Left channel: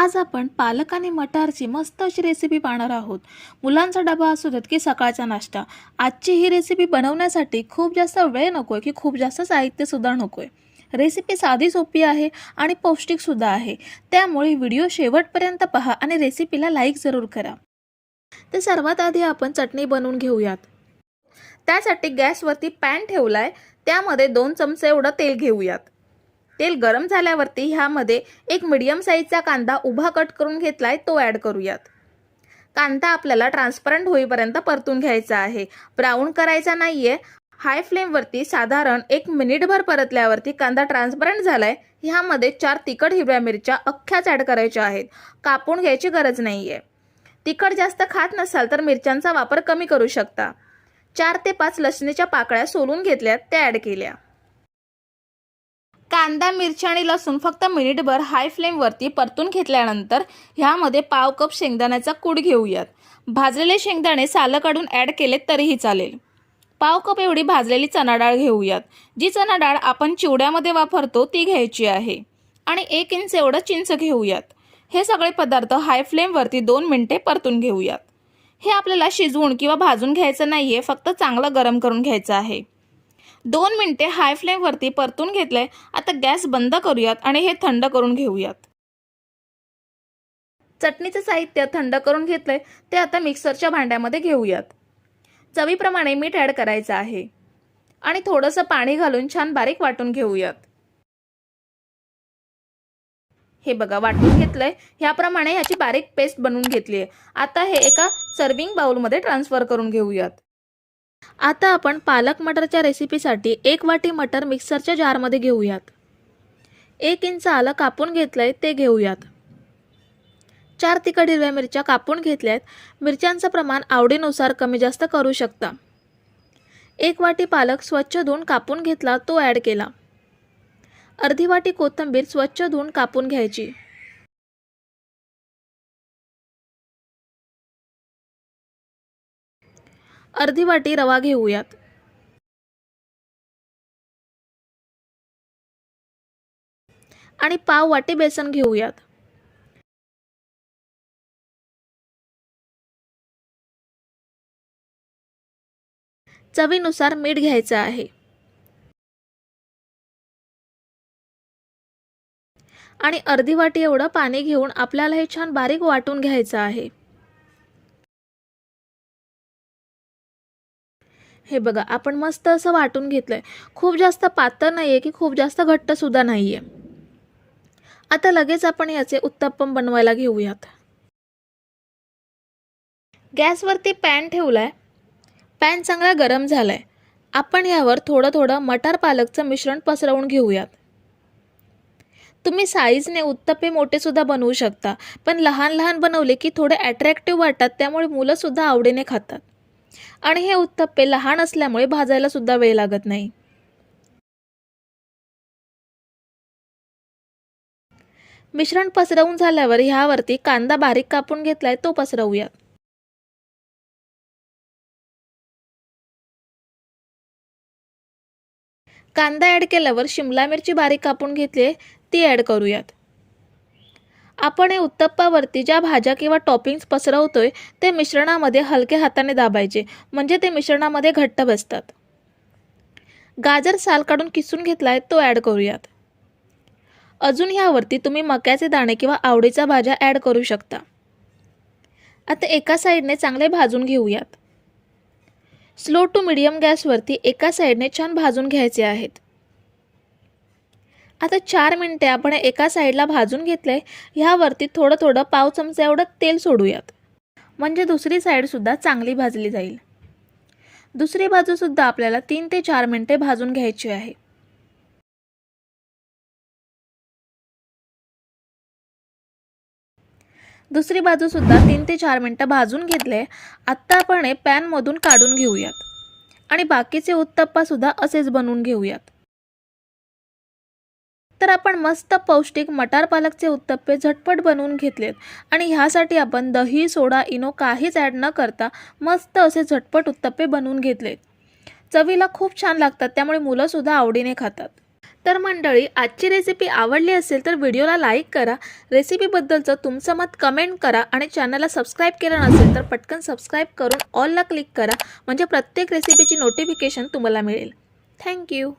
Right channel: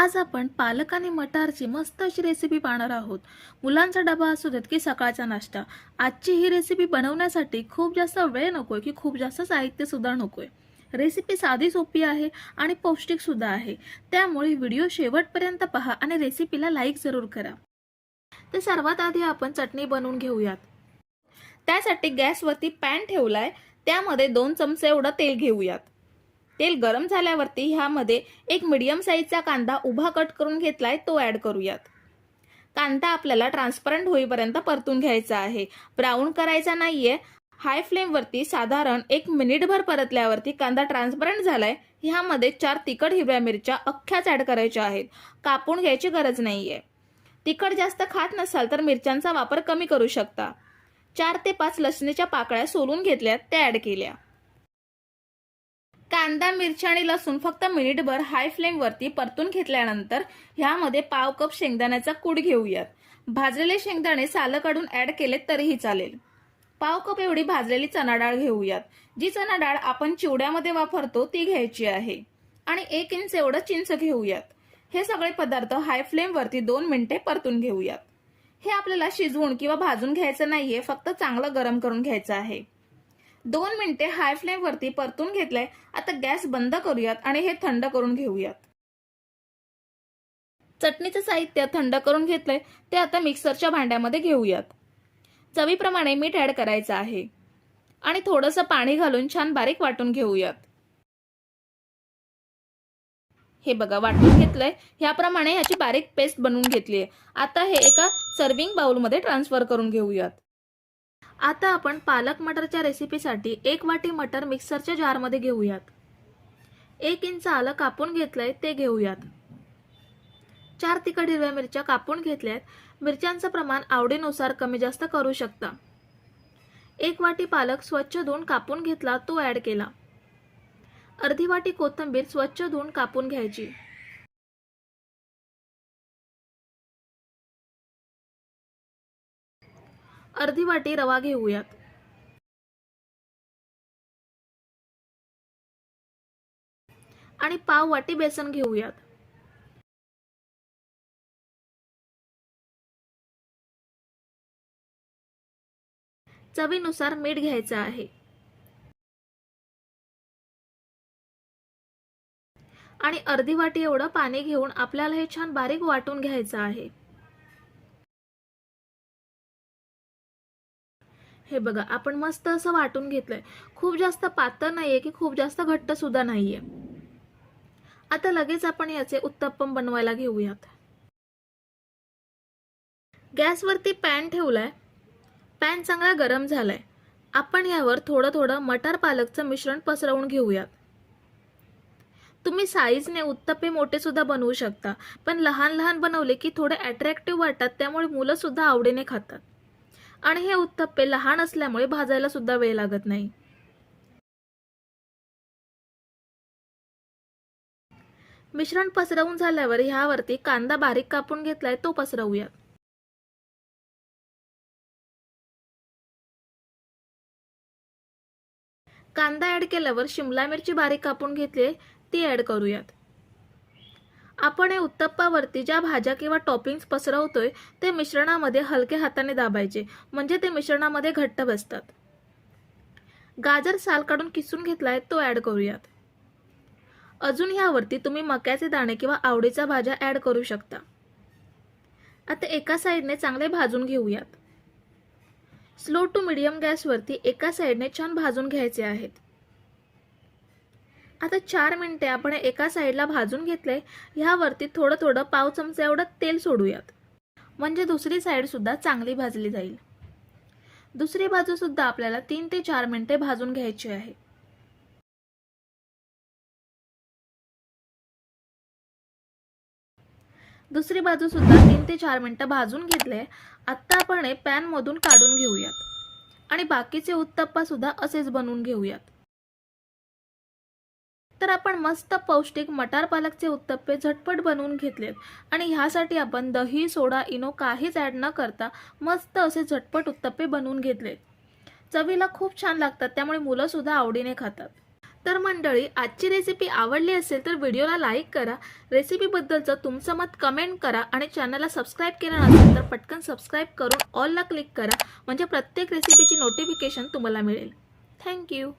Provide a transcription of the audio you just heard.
आज आपण पालक आणि मटारची मस्त अशी रेसिपी पाहणार आहोत. मुलांचा डबा असू देत की सकाळचा नाश्ता आजची ही रेसिपी बनवण्यासाठी खूप जास्त वेळ नको आहे की खूप जास्त साहित्यसुद्धा नको आहे रेसिपी साधी सोपी आहे आणि पौष्टिकसुद्धा आहे. त्यामुळे व्हिडिओ शेवटपर्यंत पहा आणि रेसिपीला लाईक जरूर करा. तर सर्वात आधी आपण चटणी बनवून घेऊयात. त्यासाठी गॅसवरती पॅन ठेवला आहे त्यामध्ये दोन चमचे एवढं तेल घेऊयात. तेल गरम झाल्यावरती ह्यामध्ये एक मिडियम साईजचा कांदा उभा कट करून घेतलाय तो ॲड करूयात. कांदा आपल्याला ट्रान्सपरंट होईपर्यंत परतून घ्यायचा आहे. ब्राऊन करायचा नाहीये. हाय फ्लेमवरती साधारण एक मिनिटभर परतल्यावरती कांदा ट्रान्सपरंट झालाय. ह्यामध्ये चार तिखट हिरव्या मिरच्या अख्ख्याच ॲड करायच्या आहेत. कापून घ्यायची गरज नाही आहे तिखट जास्त खात नसाल तर मिरच्यांचा वापर कमी करू शकता. चार ते पाच लसणीच्या पाकळ्या सोलून घेतल्या त्या ॲड केल्या. कांदा मिरची आणि लसूण फक्त मिनिटभर हाय फ्लेमवरती परतून घेतल्यानंतर ह्यामध्ये पाव कप शेंगदाण्याचा कूड घेऊयात. भाजलेले शेंगदाणे सालं काढून ॲड केले तरीही चालेल. पाव कप एवढी भाजलेली चणा डाळ घेऊयात. जी चणा डाळ आपण चिवड्यामध्ये वापरतो ती घ्यायची आहे. आणि एक इंच एवढं चिंच घेऊयात. हे सगळे पदार्थ हाय फ्लेमवरती दोन मिनिटे परतून घेऊयात. हे आपल्याला शिजवून किंवा भाजून घ्यायचं नाही आहे फक्त चांगलं गरम करून घ्यायचं आहे. दोन मिनिटे हाय फ्लेमवरती परतून घेतलंय. आता गॅस बंद करूयात आणि हे थंड करून घेऊयात. चटणीचं साहित्य थंड करून घेतलंय ते आता मिक्सरच्या भांड्यामध्ये घेऊयात. चवीप्रमाणे मीठ ॲड करायचं आहे. आणि थोडंसं पाणी घालून छान बारीक वाटून घेऊयात. हे बघा वाटून घेतलंय. ह्याप्रमाणे ह्याची बारीक पेस्ट बनवून घेतली आहे आता हे एका सर्विंग बाउलमध्ये ट्रान्सफर करून घेऊयात. आता आपण पालक मटरच्या रेसिपीसाठी एक वाटी मटर मिक्सरच्या जारमध्ये घेऊयात. एक इंच आलं कापून घेतलंय ते घेऊयात. चार तिखट हिरव्या मिरच्या कापून घेतल्यात. मिरच्यांचं प्रमाण आवडीनुसार कमी जास्त करू शकता. एक वाटी पालक स्वच्छ धुवून कापून घेतला तो ॲड केला. अर्धी वाटी कोथिंबीर स्वच्छ धुवून कापून घ्यायची. अर्धी वाटी रवा घेऊयात. आणि पाव वाटी बेसन घेऊयात. चवीनुसार मीठ घ्यायचं आहे. आणि अर्धी वाटी एवढं पाणी घेऊन आपल्याला हे छान बारीक वाटून घ्यायचं आहे. हे बघा आपण मस्त असं वाटून घेतलं आहे खूप जास्त पातळ नाही आहे की खूप जास्त घट्ट सुद्धा आहे आता लगेच आपण याचे उत्तप्पम बनवायला घेऊयात. गॅसवरती पॅन ठेवलाय. पॅन चांगला गरम झालाय. आपण यावर थोडं थोडं मटार पालकचं मिश्रण पसरवून घेऊयात. तुम्ही साईजने उत्तप्पे मोठे सुद्धा बनवू शकता पण लहान लहान बनवले की थोडे अट्रॅक्टिव्ह वाटतात त्यामुळे मुलंसुद्धा आवडीने खातात. आणि हे उत्तप्पे लहान असल्यामुळे भाजायला सुद्धा वेळ लागत नाही. मिश्रण पसरवून झाल्यावर ह्यावरती कांदा बारीक कापून घेतलाय तो पसरवूयात कांदा ॲड केल्यावर शिमला मिरची बारीक कापून घेतली ती ॲड करूयात. आपण हे उत्तप्पावरती ज्या भाज्या किंवा टॉपिंग्स पसरवतोय ते मिश्रणामध्ये हलक्या हाताने दाबायचे. म्हणजे ते मिश्रणामध्ये घट्ट बसतात. गाजर साल काढून किसून घेतलाय तो ॲड करूयात. अजून ह्यावरती तुम्ही मक्याचे दाणे किंवा आवडीच्या भाज्या ॲड करू शकता. आता एका साईडने चांगले भाजून घेऊयात. स्लो टू मिडियम गॅसवरती एका साईडने छान भाजून घ्यायचे आहेत. आता चार मिनटे आपण एका साईडला भाजून घेतले ह्यावरती थोडं थोडं पाव चमचा एवढं तेल सोडूयात. म्हणजे दुसरी साईडसुद्धा चांगली भाजली जाईल. दुसरी बाजूसुद्धा आपल्याला तीन ते चार मिनटे भाजून घ्यायची आहे. दुसरी बाजूसुद्धा तीन ते चार मिनटं भाजून घेतले आत्ता आपण हे पॅनमधून काढून घेऊयात. आणि बाकीचे उत्तप्पासुद्धा असेच बनवून घेऊयात. तर आपण मस्त पौष्टिक मटार पालकचे उत्तप्पे झटपट बनवून घेतलेत. आणि ह्यासाठी आपण दही सोडा इनो काहीच ॲड न करता मस्त असे झटपट उत्तप्पे बनवून घेतलेत. चवीला खूप छान लागतात त्यामुळे मुलंसुद्धा आवडीने खातात. तर मंडळी आजची रेसिपी आवडली असेल तर व्हिडिओला लाईक करा. रेसिपीबद्दलचं तुमचं मत कमेंट करा आणि चॅनलला सबस्क्राईब केलं नसेल तर पटकन सबस्क्राईब करून ऑलला क्लिक करा. म्हणजे प्रत्येक रेसिपीची नोटिफिकेशन तुम्हाला मिळेल. थँक्यू